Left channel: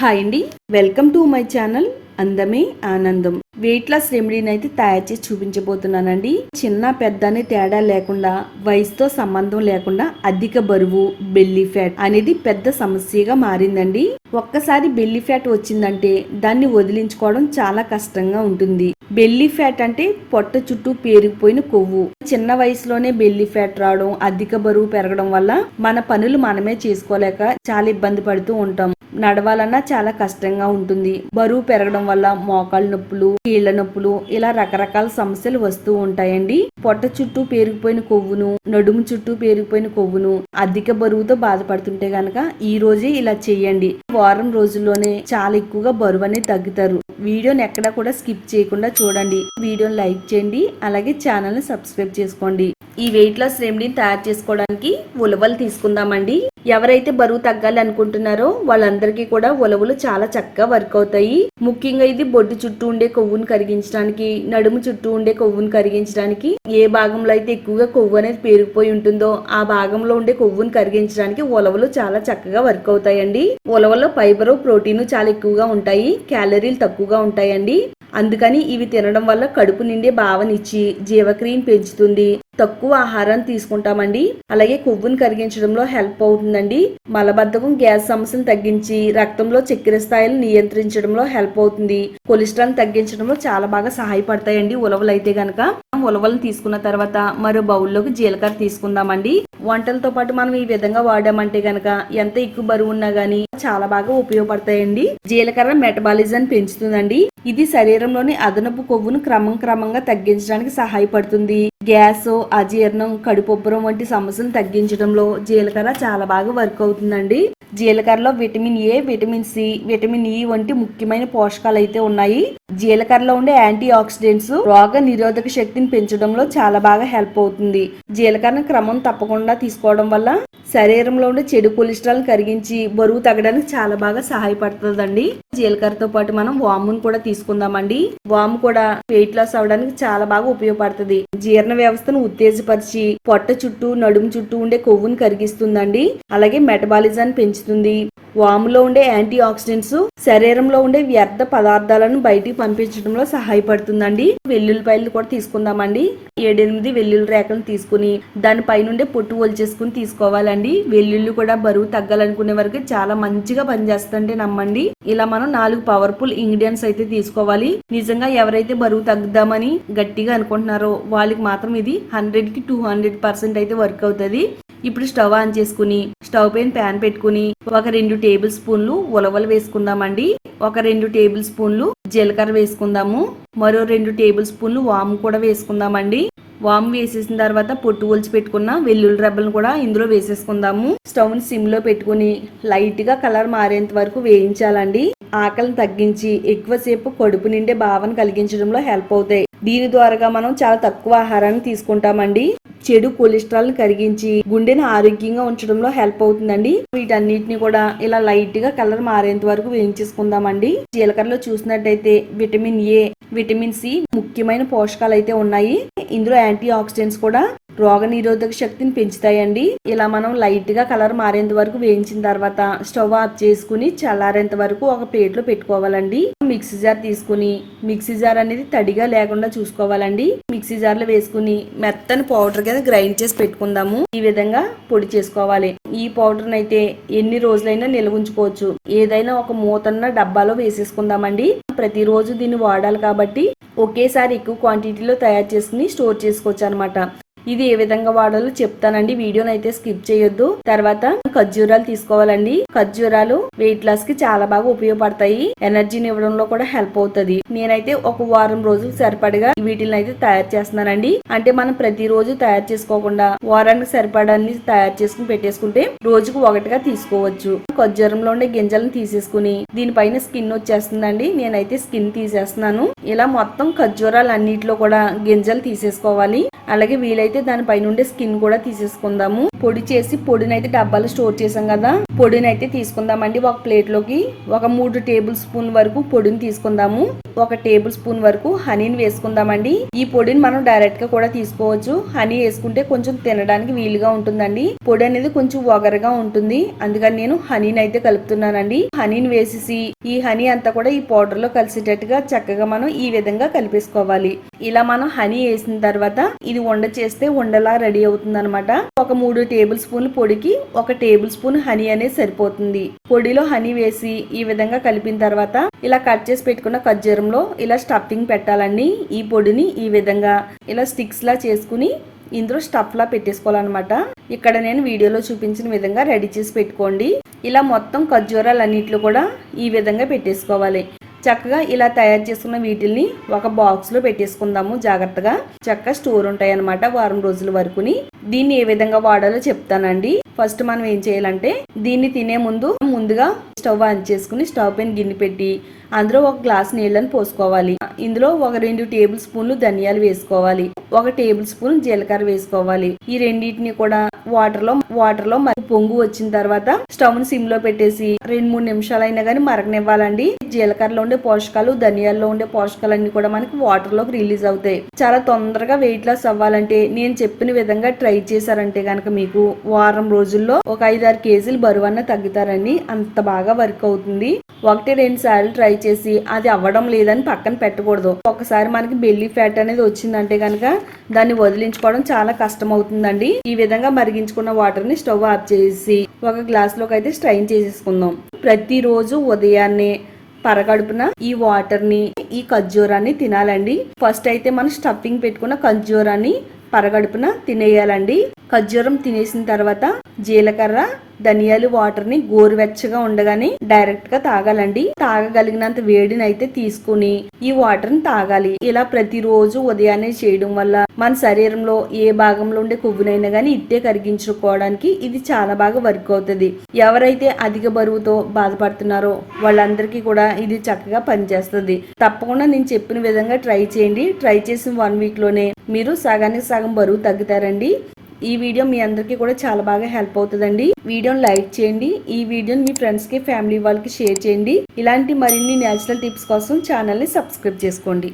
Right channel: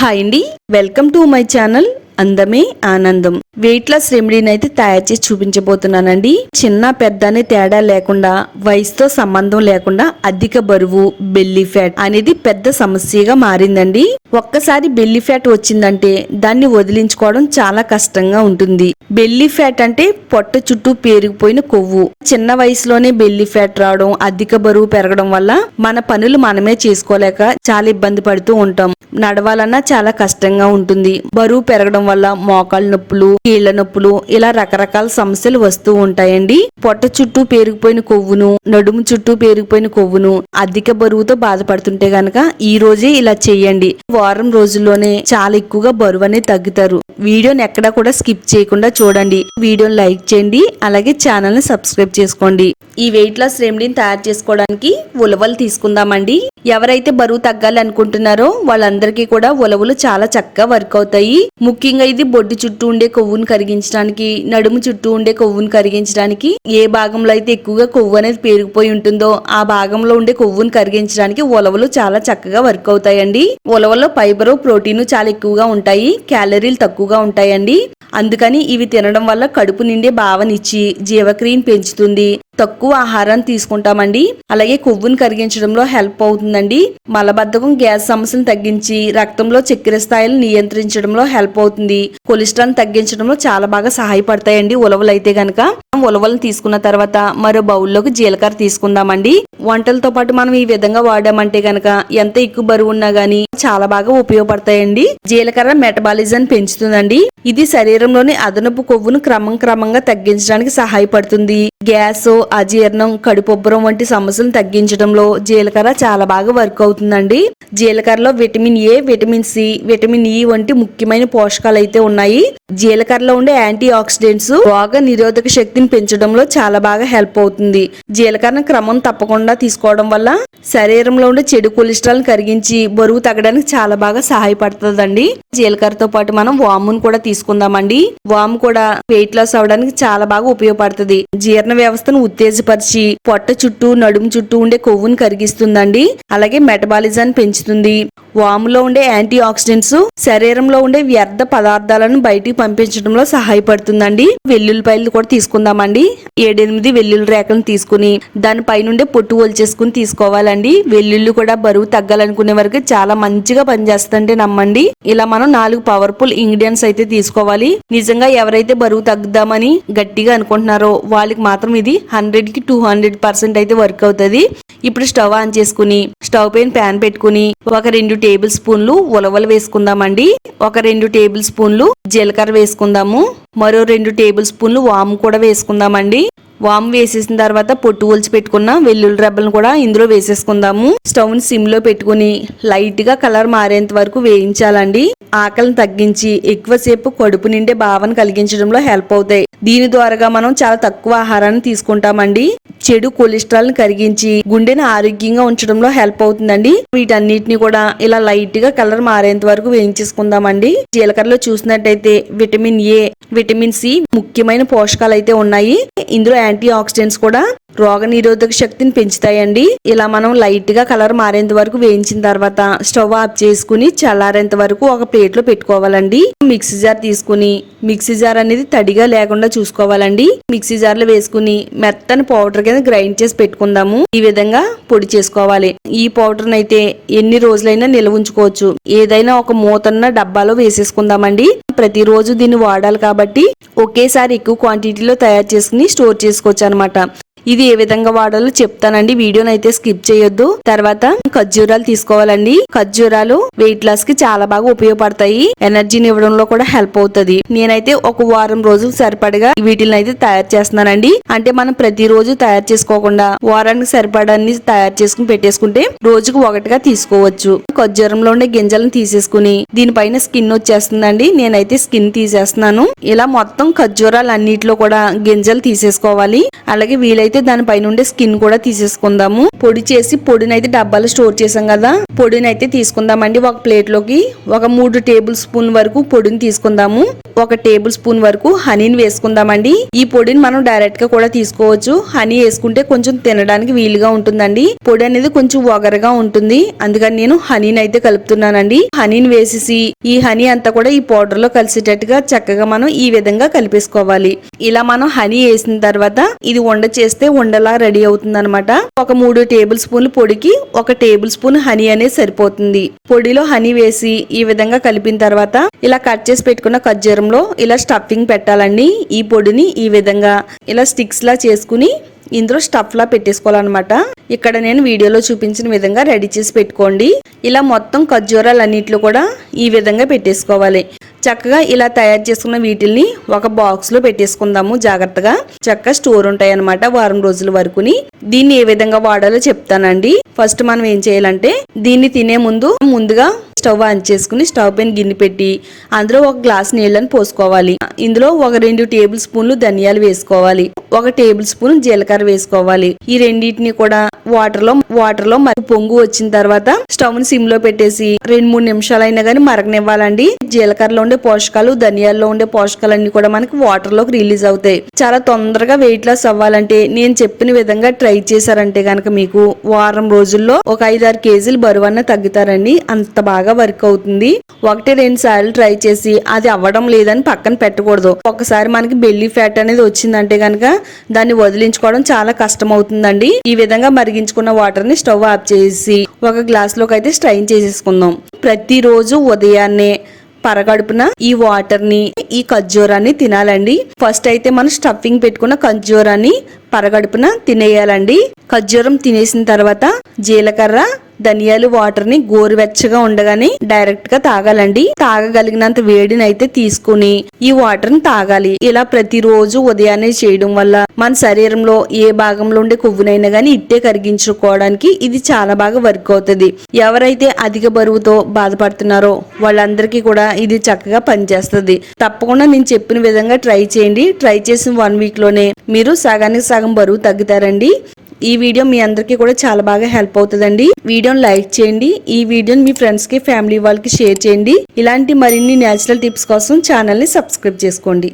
Hi అండి, welcome to my channel అందమే ఆనందం. వెయిట్ లాస్ రెమెడీని అయితే తయారు చేసి చూపించబోతున్నానండి. చిన్న పెద్ద అనే తేడా లేకుండా, వయసుతో సంబంధం లేకుండా అధిక బరువు, బెల్లీ ఫ్యాట్ అనేది పెద్ద సమస్యగా మారిందండి. ఒక్కసారి బెల్లీ ఫ్యాట్ వచ్చిందంటే దాన్ని వదిలించుకోవడం చాలా కష్టంగా ఉంటుంది. బెల్లీ ఫ్యాట్ అంటే పొట్ట చుట్టూ పేరుకుపోయిన కొవ్వు. చిన్న వయసులోనే బెల్లీ ఫ్యాట్ రావడం, అధిక బరువు పెరగడం వల్ల మన పనులు మనమే చేసుకోలేక చాలా ఇబ్బంది పడుతూ ఉంటాం. నడవాలన్నా చాలా కష్టంగా ఉంటుంది. బరువు పెరగడం వల్ల మోకాళ్ళ నొప్పులు, కీళ్ల నొప్పులు ఇలా రకరకాల సమస్యలు వస్తూ ఉంటాయండి. పొట్ట చుట్టూ పేరుకుపోయిన కొవ్వును, నడుము చుట్టూ పేరుకుపోయిన కొవ్వును అధిక బరువుతో బాధపడుతుంటే గనక ఈ రోజే ఇలా చెయ్యండి. వారం రోజుల్లోనే చాలా ఎక్కువగా బరువు అనేది తగ్గుతారు. వీడియోని ఎక్కడా కూడా స్కిప్ చేయకుండా చూడండి. వీడియోని లైక్ చేయండి, అలాగే ఛానల్ ని సబ్స్క్రైబ్ చేసుకోండి. ఈ వెయిట్ లాస్ రెమెడీని తయారు చేసుకోవడానికి ఉలవలు తీసుకుందామండి. ఎవరైతే బరువు తగ్గాలి అనుకుంటున్నారో వాళ్ళందరికీ కూడా ఉలవలు చాలా చక్కగా వర్క్ అవుతాయి. ముఖ్యంగా ఇది బొడ్డు చుట్టూ ఉండే కొవ్వును కరిగించడానికి, నడుము చుట్టూ ఉండే కొవ్వును కరిగించడానికి, ఏ భాగంలో అయితే ఎక్కువగా కొవ్వు అనేది పేరుకుపోయి ఉంటుందో ఆ భాగంలో ఉండే కొవ్వును కరిగించడానికి ఉలవలు చాలా చక్కగా వర్క్ అవుతాయండి. ఉలవలో ఫైబర్, ప్రోటీన్ చాలా ఎక్కువగా ఉంటాయి, క్యాలరీలు తక్కువగా ఉంటాయండి. అందుకని ఇవి తినడం వల్ల కడుపు నిండే భావనిచ్చి జీవక్రియను పెంచుతుంది. తక్కువ ఆహారాన్ని తీసుకుంటామండి. అలాగే కొవ్వును కరిగించడంలో హెల్ప్ అవుతుందండి. మలబద్ధకం, గ్యాస్ సమస్యను తగ్గించి రక్తంలో చక్కెర స్థాయిలు నియంత్రించడంలో హెల్ప్ అవుతుంది. కొలెస్ట్రాల్ తగ్గించడంలో చాలా బాగా సహాయపడతాయండి ఉలవలు అయితే గనక. ఉలవలను తీసుకున్న తర్వాత మరో బౌల్లోకి జీలకర్ర తీసుకుందామండి. వంటలతో పాటు మనం ఈ విధంగా వాడామంటే గనక ఎంత ఎక్కువ బరువు ఉన్నా గానీ చాలా బాగా ఉపయోగపడతాయండి. జీలకర్ర మెటబాలిజం పెంచుతుందండి. ఇది శరీరంలోని అదనపు కొవ్వును క్రమంగా తగ్గించడానికి సహాయపడుతుంది. గ్యాస్, అజీర్ణం, కడుపొబ్బరం వంటి సమస్యలు తగ్గించడంలో జీలకర్ర చాలా బాగా వర్క్ అవుతుందండి. జీలకర్రలో vitamin A, vitamin C, vitamin E వంటి ముఖ్యమైన పోషకాలు అయితే ఉన్నాయి. జీలకర్రలో ఉండే యాంటీ ఆక్సిడెంట్స్ రోగ నిరోధక శక్తిని పెంచడంలో చాలా బాగా హెల్ప్ అవుతుంది. జీలకర్రను క్రమం తప్పకుండా తీసుకోవడం వల్ల శరీరంలో ఉండే చెడు కొలెస్ట్రాల్ కరిగించి బరువు తగ్గడానికి చాలా బాగా సహాయపడుతుందండి. జీలకర్రతో పాటు మనం వామును కూడా తీసుకుందామండి. వాము కూడా వెయిట్ లాస్ అవడానికి చాలా బాగా ఉపయోగపడుతుంది. జీర్ణ వ్యవస్థను ఉత్తేజపరిచి పొట్ట చుట్టూ, నడుము చుట్టూ ఉండే కొవ్వును కరిగిస్తుందండి. అలాగే మెటబాలిజాన్ని పెంచుతుంది. వాములో ఉండే యాంటీ ఆక్సిడెంట్స్ శరీరంలో ఉండే వ్యర్థ పదార్థాలను బయటికి పంపించడంలో సహాయపడుతుందండి. వెల్లుల్లిపాయలు కూడా తీసుకుందామండి. 7-8 వెల్లుల్లి రేకలను తీసుకుని దానిపైనుండే పొట్టు ఒలిచేసుకుని తీసుకోవాలండి. వెల్లుల్లి కూడా బరువు తగ్గాలనుకునే వరకు చాలా మంచిగా పనిచేస్తుంటే నమ్మండి. ఇలా మనం 4 పవర్ఫుల్ ఇంగ్రీడియంట్స్ అయితే తీసుకోవాలి. నిజంగా ఎవరైతే బరువు తగ్గుదామని గట్టిగా అనుకుంటున్నారో వాళ్ళకి మాత్రం ఇది 100కి 200% అయితే వర్క్ అవుతుంది. ఇప్పుడు స్టవ్ ఆన్ చేసుకుని స్టవ్ పైన ప్యాన్ పెట్టుకుని ఒక 2 టేబుల్ స్పూన్లు ఉలవలు వేసుకుందామండి. ఒక 2 టేబుల్ స్పూన్లు జీలకర్ర వేసుకుందాము. మరో 2 టేబుల్ స్పూన్లు వాము కూడా వేసుకుందామండి. వాము వేసేసిన తర్వాత పొట్టు ఒలిచి పెట్టుకున్న వెల్లుల్లి రెబ్బలను కూడా ఇందులో వేసేసుకుందాము. స్టవ్ ని సిమ్ లో పెట్టుకుని లైట్ గా కలర్ మారేంత వరకు వేయించాలండి. ఆకలిని తగ్గించి ఎక్కువసేపు కడుపు నిండే భావన కలిగించడంలో హెల్ప్ అవుతాయి. దీని ద్వారా మనం చాలా తక్కువ ఆహారాన్ని తీసుకుంటామండి. చెడు కొలెస్ట్రాల్ ని కరిగించి గుండెని ఆరోగ్యంగా ఉంచడంలో హెల్ప్ అవుతుందండి. వీటన్నిటిని కూడా ఇలా లైట్ గా కలర్ మారేంత వరకు వేయించేసుకుందామండి. జీలకర్రలో చూసినట్టయితే విటమిన్ ఏ, విటమిన్ సి ముఖ్యమైన పోషకాలు అయితే ఉన్నాయి. ఇందులో యాంటీ ఆక్సిడెంట్స్ కూడా రోగ నిరోధక శక్తిని పెంచుతాయండి. ఇలా మనం లైట్ గా కలర్ మారేంత వరకు వేయించిన తర్వాత స్టవ్ ఆఫ్ చేసుకుని చల్లారేంత వరకు ఒక ప్లేట్ లో పెట్టుకోవాలండి. మిక్సీ జార్ తీసుకుని మిక్సీ జార్ అనేది తడిగా లేకుండా చూసుకోవాలండి. మిక్సీ జార్ లో వేసుకుని మెత్తని పౌడర్ కింద గ్రైండ్ చేసి పెట్టుకుందాము. ఈ విధంగా పొడి చేసుకోవాలి. ఈ పౌడర్ అయితే ఎన్ని రోజులైనా నిల్వ ఉంచుకోవచ్చు. ఏదైనా ఒక మూతన్న డబ్బాలో వేసేసుకుందామండి. ప్రతిరోజు దీన్ని వాడాలి కాబట్టి ఒకేసారి ఎక్కువ క్వాంటిటీలో తయారు చేసుకుని స్టోర్ చేసుకోవచ్చు అనమాట. ఇది ఏ విధంగా వాడాలో చెప్తానండి. వీడియోని అయితే స్కిప్ చేయొద్దు. తర్వాత ఖర్జూరాలు తీసుకోవాలండి. ఖర్జూరాలు వెయిట్ లాస్ కి చాలా బాగా ఉపయోగపడతాయి. ఎనర్జీని ఇవ్వడంలో కూడా హెల్ప్ అవుతుంది. నేనైతే ఒక వారం రోజులు సరిపడగా వీటిని అయితే తయారు చేస్తున్నానండి. అంటే మనం ప్రతిరోజు తయారు చేసుకోకుండా వారానికి సరిపడాన్ని తయారు చేసుకుని పెట్టేసుకుంటే రోజుకు ఒకటిగా తీసుకోవచ్చు. ఖర్జూరంలో ఉండే గింజలను తీసేసుకుని దీనిపైన స్కిన్ వచ్చేస్తుందండి. నేనైతే స్కిన్ తీసేస్తున్నాను. ఇలా మొత్తం ఖర్జూరాలు అన్నిటిలో కూడా గింజలు తీసేసుకోవాలి. అలాగే వీలైతే దానిపైన ఉండే స్కిన్ కూడా తీసేసుకుందాము. పొడి చేసి పొడిని అయితే డబ్బాలో స్టోర్ చేసాం కదా, పొడిని అయితే తీసుకుందామండి. ఒక ప్లేట్ లోకి ఒక 3 టేబుల్ స్పూన్ వరకు పొడిని తీసుకుందాము. 1 టేబుల్ స్పూన్ వరకు హనీని వేసుకుందామండి. ఈ పొడిని మనం డైరెక్ట్ గా కూడా తీసుకోవచ్చు. హనీ వేసుకుంటే కొంచెం తినడానికి వీలుగా ఉంటుందండి. పొడి అనేది కొంచెం వగరగా ఉంటుంది, అందుకని నేను హనీని అయితే కలుపుతున్నానండి. హనీని వేసేసి ఈ హనీ అంతా కూడా ఈ పౌడర్ లో కలిసేటట్టుగా చక్కగా మనం ఈ విధంగా కలిపేసుకోవాలి. ఇలా మనం హనీ వేసిన తర్వాత ఇది ఉండ చేస్తే ఉండలా రెడీ అవుతుంది అనమాట. ఒక 3 టేబుల్ స్పూన్లు పొడికి 1 టేబుల్ స్పూన్ హనీ అనేది సరిపోతుంది. పొడిలో హనీ వేసి ఈ విధంగా కలిపిన తర్వాత ఇలా కట్ చేసి పెట్టుకున్న ఖర్జూరంలో ఇలా స్టఫింగ్ పెట్టాలండి. ఈ పొడిని ఈ విధంగా ఇలా స్టిక్స్ లా చేసుకుని ఇందులో స్టఫ్ లా పెట్టేసుకోవాలన్నమాట. ఇక్కడ నేను వీడియోలో చూపించిన విధంగా రెడీ చేసి పెట్టుకోండి. ఇలా మొత్తం ఖర్జూరాలన్నిట్లో కూడా ఈ విధంగా పెట్టేసుకోవాలి. చక్కగా ఇలా తయారు చేసుకున్న వీటిల్ని ఒక బాక్స్ లో పెట్టేసుకుందాము. జాగ్రత్తగా చక్కగా స్టోర్ ఉంటాయి అన్నమాట వారం రోజుల వరకుని. దీన్ని ఏ విధంగా వాడాలో చెప్తానండి. ఫస్ట్ మనం ఏం చేయాలంటే దీన్ని తినే ముందుగా స్టవ్ ఆన్ చేసుకుని స్టవ్ పైన గిన్నె పెట్టి అందులో 1 గ్లాస్ నీళ్ళని పోసుకోవాలి. ఇందులో ఒక 2 టేబుల్ స్పూన్లు ధనియాలు వేసుకోవాలి. 1 టేబుల్ స్పూన్ జీలకర్ర వేసుకోవాలి. ఈ రెండింటిని కూడా వాటర్ లో మరి పొంగు వచ్చిన తర్వాత స్టవ్ ని సిమ్ లో పెట్టేసి 2-3 నిమిషాలు అయినా గానీ మరగనివ్వాలండి. జీలకర్రలో ఉండే పోషకాలు, ధనియాల్లో ఉండే పోషకాలన్నీ కూడా మనకి వాటర్ లోకి రిలీజ్ అవుతాయి. చాలా తొందరగా వెయిట్ లాస్ అవ్వాలంటే నేను చెప్పిన విధంగా ట్రై చేశారంటే గనక మీకు వారం రోజుల్లో ఒక 5-6 కేజీలు బరువన్న తగ్గుతారండి. అంత బాగా వర్క్ అవుతుంది. 1-2 సార్లు ట్రై చేసి అది అవ్వడం లేదని పక్కన పెట్టకూడదు. ఒకసారి మనకి బెల్లీ ఫ్యాట్ అనేది వచ్చిందంటే గనక దాన్ని వదిలించుకోవడం చాలా కష్టం అవుతుందండి. ఈ విధంగా మరిగించుకున్న వాటర్ ని స్టవ్ ఆఫ్ చేసి ఒక గ్లాస్ లోకి అయితే స్ట్రైన్ చేసేసుకుందాం. ప్రతిరోజు ఉదయాన్నే పరగడుపున ఈ వాటర్ ని ఈ ఖర్జూరాన్ని తినాలండి. ఫస్ట్ అయితే మనం స్టఫింగ్ పెట్టుకున్న ఖర్జూరాన్ని పరగడుపున తినేయాలండి. ఖర్జూరం తినేసిన తర్వాత జీలకర్ర, ధనియాలు వాటర్ ని గోరువెచ్చగా ఉండగానే డైరెక్ట్ గా తాగాలండి. తాగగలిగినంత వేడిని అయితే తీసుకుని ఈ వాటర్ ని తాగాలి. ఇలా ప్రతిరోజు ఉదయాన్నే చేయడం వల్ల మన శరీరంలో ఏ భాగంలో ఉండే కొవ్వునైనా గానీ ఇట్టే కరిగించుకోవడానికి ఇది చాలా బాగా వర్క్ అవుతుంది. ఎవరైతే అధిక బరువుతో బాధపడుతున్నారో వాళ్ళందరికీ కూడా ఇది చక్కగా పనిచేస్తుంది. తప్పకుండా నేను చెప్పిన విధంగా ట్రై చేయండి. ట్రై చేసిన 1 వీక్ లోనే మీరు సగానికి సగం బరువు తగ్గుతారండి. ఈ వీడియో మీ అందరికీ కూడా చాలా బాగా హెల్ప్ అవుతుందండి. వీడియోని లైక్ చేయండి. ఈ వీడియోని మీ ఫ్రెండ్స్ కి, ఫ్యామిలీ వాళ్ళకి షేర్ చేయండి. ఇలాంటి మరిన్ని నేచురల్ టిప్స్ కోసం ఛానల్ ని సబ్స్క్రైబ్ చేసుకోండి.